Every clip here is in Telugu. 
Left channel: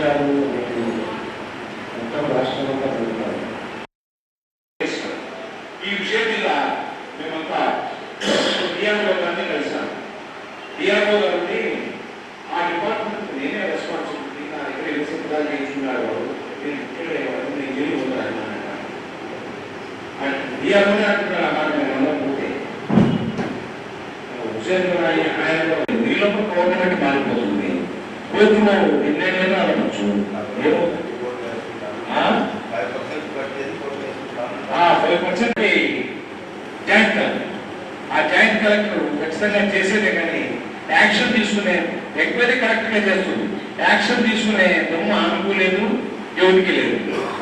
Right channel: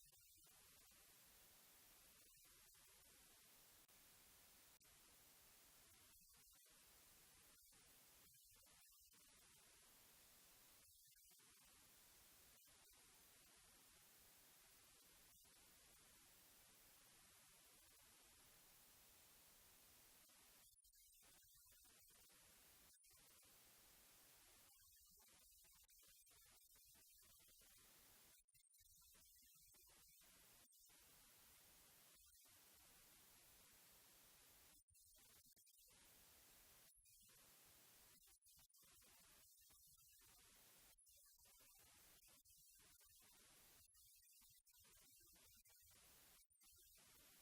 రాష్ట్రాలను మొత్తం రాష్ట్రం అంతా జరుగుతారు ఈ విషయం మీద మేమంతా డిఆర్ఓ గారిని కలిసాం డిఆర్ఓ గారిని ఆ డిపార్ట్మెంట్ నేనే రెస్పాన్సిబిలిటీ నా దగ్గర ఏ సంపదాలు చేయించుకున్నాడు నేను ఇక్కడ నేను వెళ్ళి పోతాను డిఆర్ఓనే అంటున్నాడు అలా నేను వెళ్ళకపోతే హుసేన్ ఆయన నీళ్ళకు గవర్నమెంట్ మారిపోతుంది కోతిలో ఎన్నైనా ఫైవ్ జాయింట్ కలెక్టర్ ఆ జాయింట్ కలెక్టర్ ఖచ్చితంగా చేసేదే కానీ యాక్షన్ తీసుకునే ఎంక్వైరీ కరెక్ట్గా చేస్తుంది. యాక్షన్ తీసుకునే దమ్ము ఆమెకు లేదు ఎవరికి లేదు.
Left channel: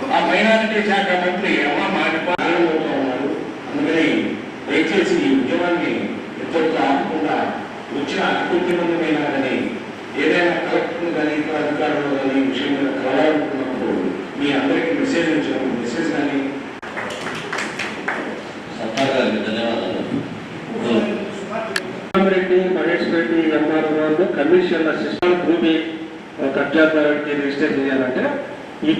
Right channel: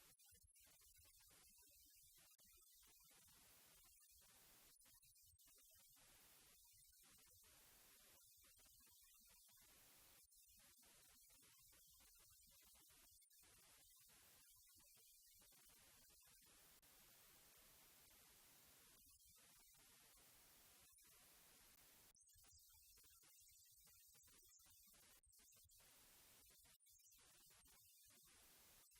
ఆ మైనారిటీ శాఖ మంత్రి అమ్మ మాట్లాడుతూ ఉన్నారు అందుకని దయచేసి ఈ ఉద్యమాన్ని ఇద్దరితో ఆపకుండా వచ్చిన అభివృద్ధి మందమైనా కానీ వాళ్ళు కమిషన్ల సిస్టమ్ భూమి కబ్జాదారుడికి రిజిస్టర్ చేయాలంటే ఈ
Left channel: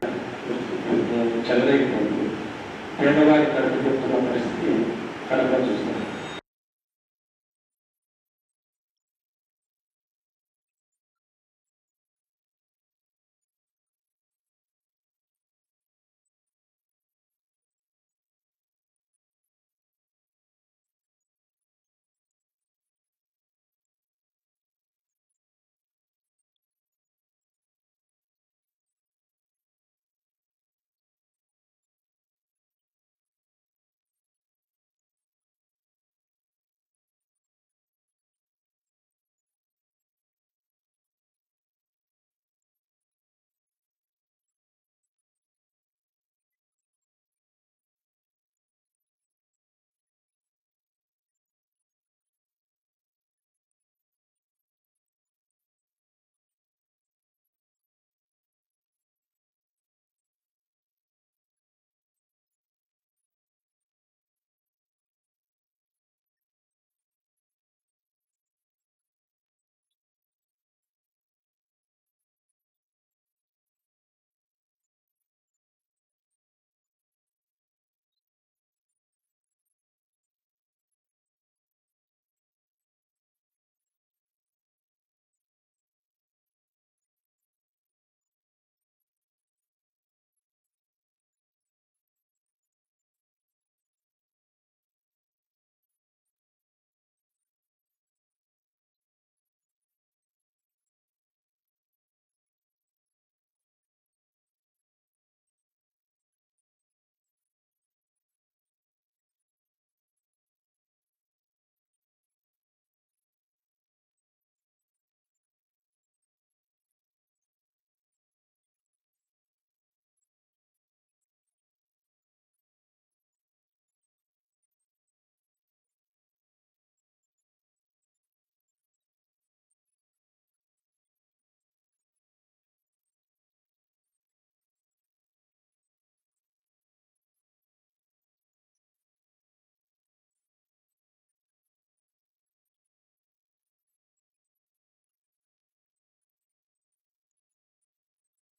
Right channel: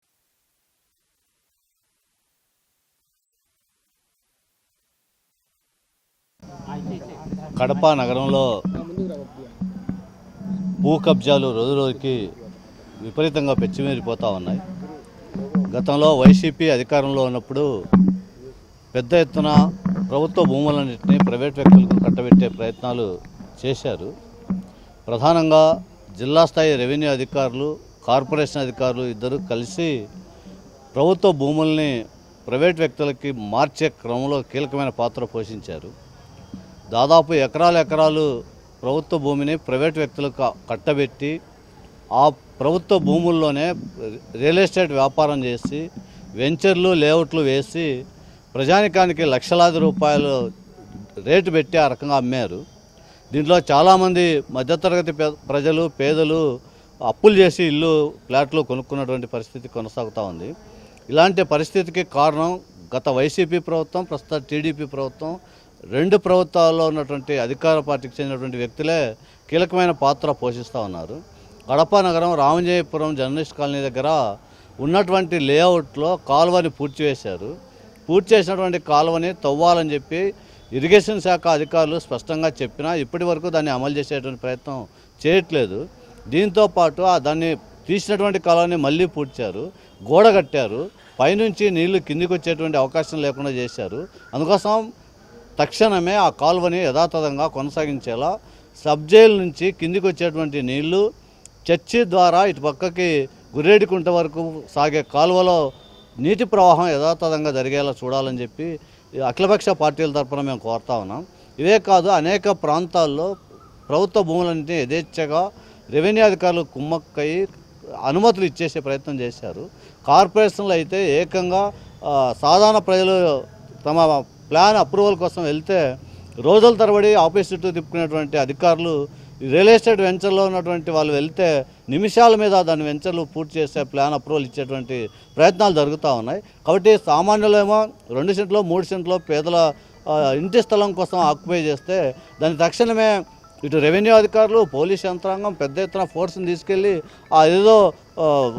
చెలరైపోతుంది పేదవారి కడుపు పరిస్థితి కడప చూస్తాం. కడప నగరంలో భూ కబ్జాలు రోజు రోజుకి విపరీతంగా పెచ్చిమీరిపోతూ ఉన్నాయి. గతంలో వైసీపీ అధికారంలో ఉన్నప్పుడు పెద్ద ఎత్తున ప్రభుత్వ భూములన్నింటినీ ప్రైవేట్ వ్యక్తులకు కట్టబెట్టే ప్రయత్నాలు చేశారు. ప్రధానంగా జిల్లా స్థాయి రెవెన్యూ అధికారులు కార్పొరేషన్ అధికారులు ఇద్దరు కలిసి ప్రభుత్వ భూముల్ని ప్రైవేట్ వ్యక్తులకి మార్చే క్రమంలో కీలకమైన పాత్ర పోషించారు. దాదాపు ఎకరాలు ఎకరాలు ప్రభుత్వ భూమిని ప్రైవేట్ వ్యక్తులకు కట్టబెట్టి ఆ ప్రభుత్వ భూముల్లోనే రియల్ ఎస్టేట్ వ్యాపారం చేసి వెంచర్లు లేఅవుట్లు వేసి ప్రజానికానికి లక్షలాది రూపాయలు రేటు పెట్టి ఆ రకంగా అమ్మారు. దీంట్లో చాలామంది మధ్యతరగతి ప్రజలు పేదలు అప్పులు చేసి ఇల్లు ఫ్లాట్లు కొనుక్కున్నటువంటి పరిస్థితి కొనసాగుతూ ఉంది. ఇలాంటి పరిస్థితికి కారణం గత వైసీపీ ప్రభుత్వం ప్రస్తుత టీడీపీ ప్రభుత్వం. రెండు ప్రభుత్వాల్లో ఉన్నటువంటి అధికార పార్టీకి చెందినటువంటి వ్యక్తులే కీలకమైన పాత్ర పోషిస్తూ ఉన్నారు. కడప నగరం రామంజయపురం జర్నలిస్ట్ కాలనీ దగ్గర ఉన్నటువంటి లేఅవుట్లో కాలువని పూర్తి చేశారు పూర్తి చేసినటువంటి కాలువని తవ్వాలని చెప్పి ఇరిగేషన్ శాఖ అధికారులు స్పష్టంగా చెప్పినా ఇప్పటి వరకు దాన్ని అమలు చేసేటువంటి ప్రయత్నం చేయట్లేదు. దీంతో పాటు ఆ దాన్ని తీసినటువంటి కాలువని మళ్ళీ పూడ్చారు గోడ కట్టారు పైనుంచి నీళ్ళు కిందికి వచ్చేటువంటి అవకాశం లేకుండా చేశారు. అందుకోసం తక్షణమే ఆ కాలువని యథాతథంగా కొనసాగించేలా సబ్ జైలు నుంచి కిందికి వచ్చేటువంటి నీళ్ళు చర్చి ద్వారా ఇటు పక్కకి గురేడికుంట వరకు సాగే కాలువలో నీటి ప్రవాహం యథాతథంగా జరిగేలా చూడాలని చెప్పి అఖిలపక్ష పార్టీల తరఫున మేము కోరుతా ఉన్నాం. ఇవే కాదు అనేక ప్రాంతాల్లో ప్రభుత్వ భూములన్నింటినీ యథేచ్ఛగా రెవెన్యూ అధికారులు కుమ్మక్కయి అనుమతులు ఇచ్చేసే ప్రయత్నం చేశారు. కార్పొరేషన్లు అయితే ఏకంగా సాధారణ ప్రజలు తమ ప్లాన్ అప్రూవల్ కోసం వెళ్తే రోజుల తరబడి ఆఫీస్ చుట్టూ తిప్పుకునేటువంటి అధికారులు రియల్ ఎస్టేట్ వెంచర్లో ఉన్నటువంటి వాళ్ళు వెళ్తే నిమిషాల మీద దాని వెంచర్లు పూర్తి చేసే ప్లాన్ అప్రూవల్ ఇచ్చేటువంటి ప్రయత్నాలు జరుగుతూ ఉన్నాయి. కాబట్టి సామాన్యులేమో రెండు సెంట్లో మూడు సెంట్లో పేదల ఇంటి స్థలం కోసం ఆక్యుపై చేస్తే దాని తక్షణమే ఇటు రెవెన్యూ అధికారులు పోలీస్ యంత్రాంగం పెద్ద ఎత్తున ఫోర్స్ని తీసుకెళ్ళి ఆ ఏదో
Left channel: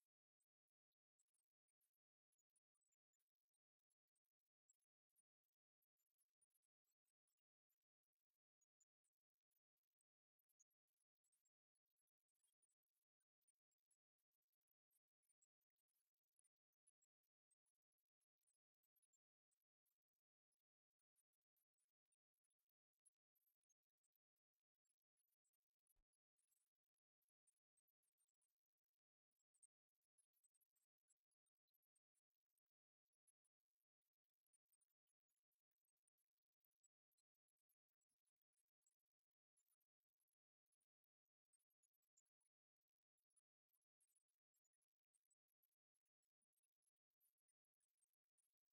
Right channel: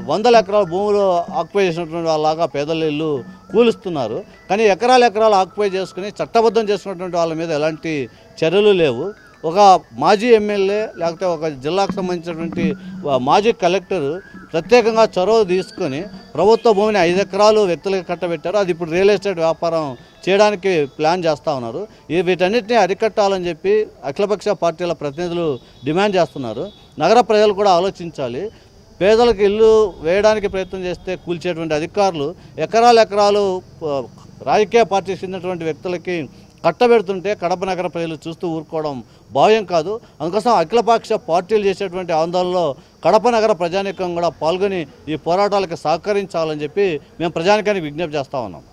వందల ఎకరాల భూములు ఆక్యుపై చేసినటువంటి వాళ్ళలాగా పేదల ఇల్లు కూలుస్తున్నారు. కానీ ఎకరాలు ఎకరాలు ఆక్యుపై చేసుకుని చట్టబద్ధం చేసుకున్నటువంటి వాళ్ళ మీద ఎలాంటి చర్యలు లేవు. ఒక మాజీ ఎమ్మెల్యే లేకపోతే ఒక జిల్లాకు సంబంధించినటువంటి మాజీ కలెక్టర్ ప్రత్యేకంగా చొరవ తీసుకొని ప్రభుత్వ భూమిని ఐదు ఎకరాలు వ్యక్తులకు కట్టబెట్టారు. అది ఇప్పుడు రియల్ ఎస్టేట్ వ్యాపారం చేయడానికి ప్లాన్ చేస్తూ ఉన్నారు. ఈ వీటన్నిటిని అరికట్టాలని చెప్పి అఖిలపక్ష పార్టీల ప్రతినిధులు డిమాండ్ చేస్తున్నారు. నగర ప్రజలు కూడా ఆలోచించాలి. పేదలకు ఇల్లు వేయడానికి ప్రయత్నం చేస్తే కూల్చేటువంటి అధికారులు ఎకరాలు ఎకరాలు రాజకీయ పార్టీకి చెందినటువంటి వ్యక్తులకి కట్టబెడుతుంటే కడప నగర ప్రజలు చూస్తూ ఊరుకోవడం భావ్యం కాదు. అందుకోసం అఖిలపక్ష పార్టీలు చేసేటువంటి ఆందోళనలో కడప నగర ప్రజానీకం కూడా పాల్గొని ఈ పోరాటాలకు సహకరించాలని చెప్పి మేము ప్రజానికానికి విజ్ఞప్తి చేస్తా ఉన్నాం.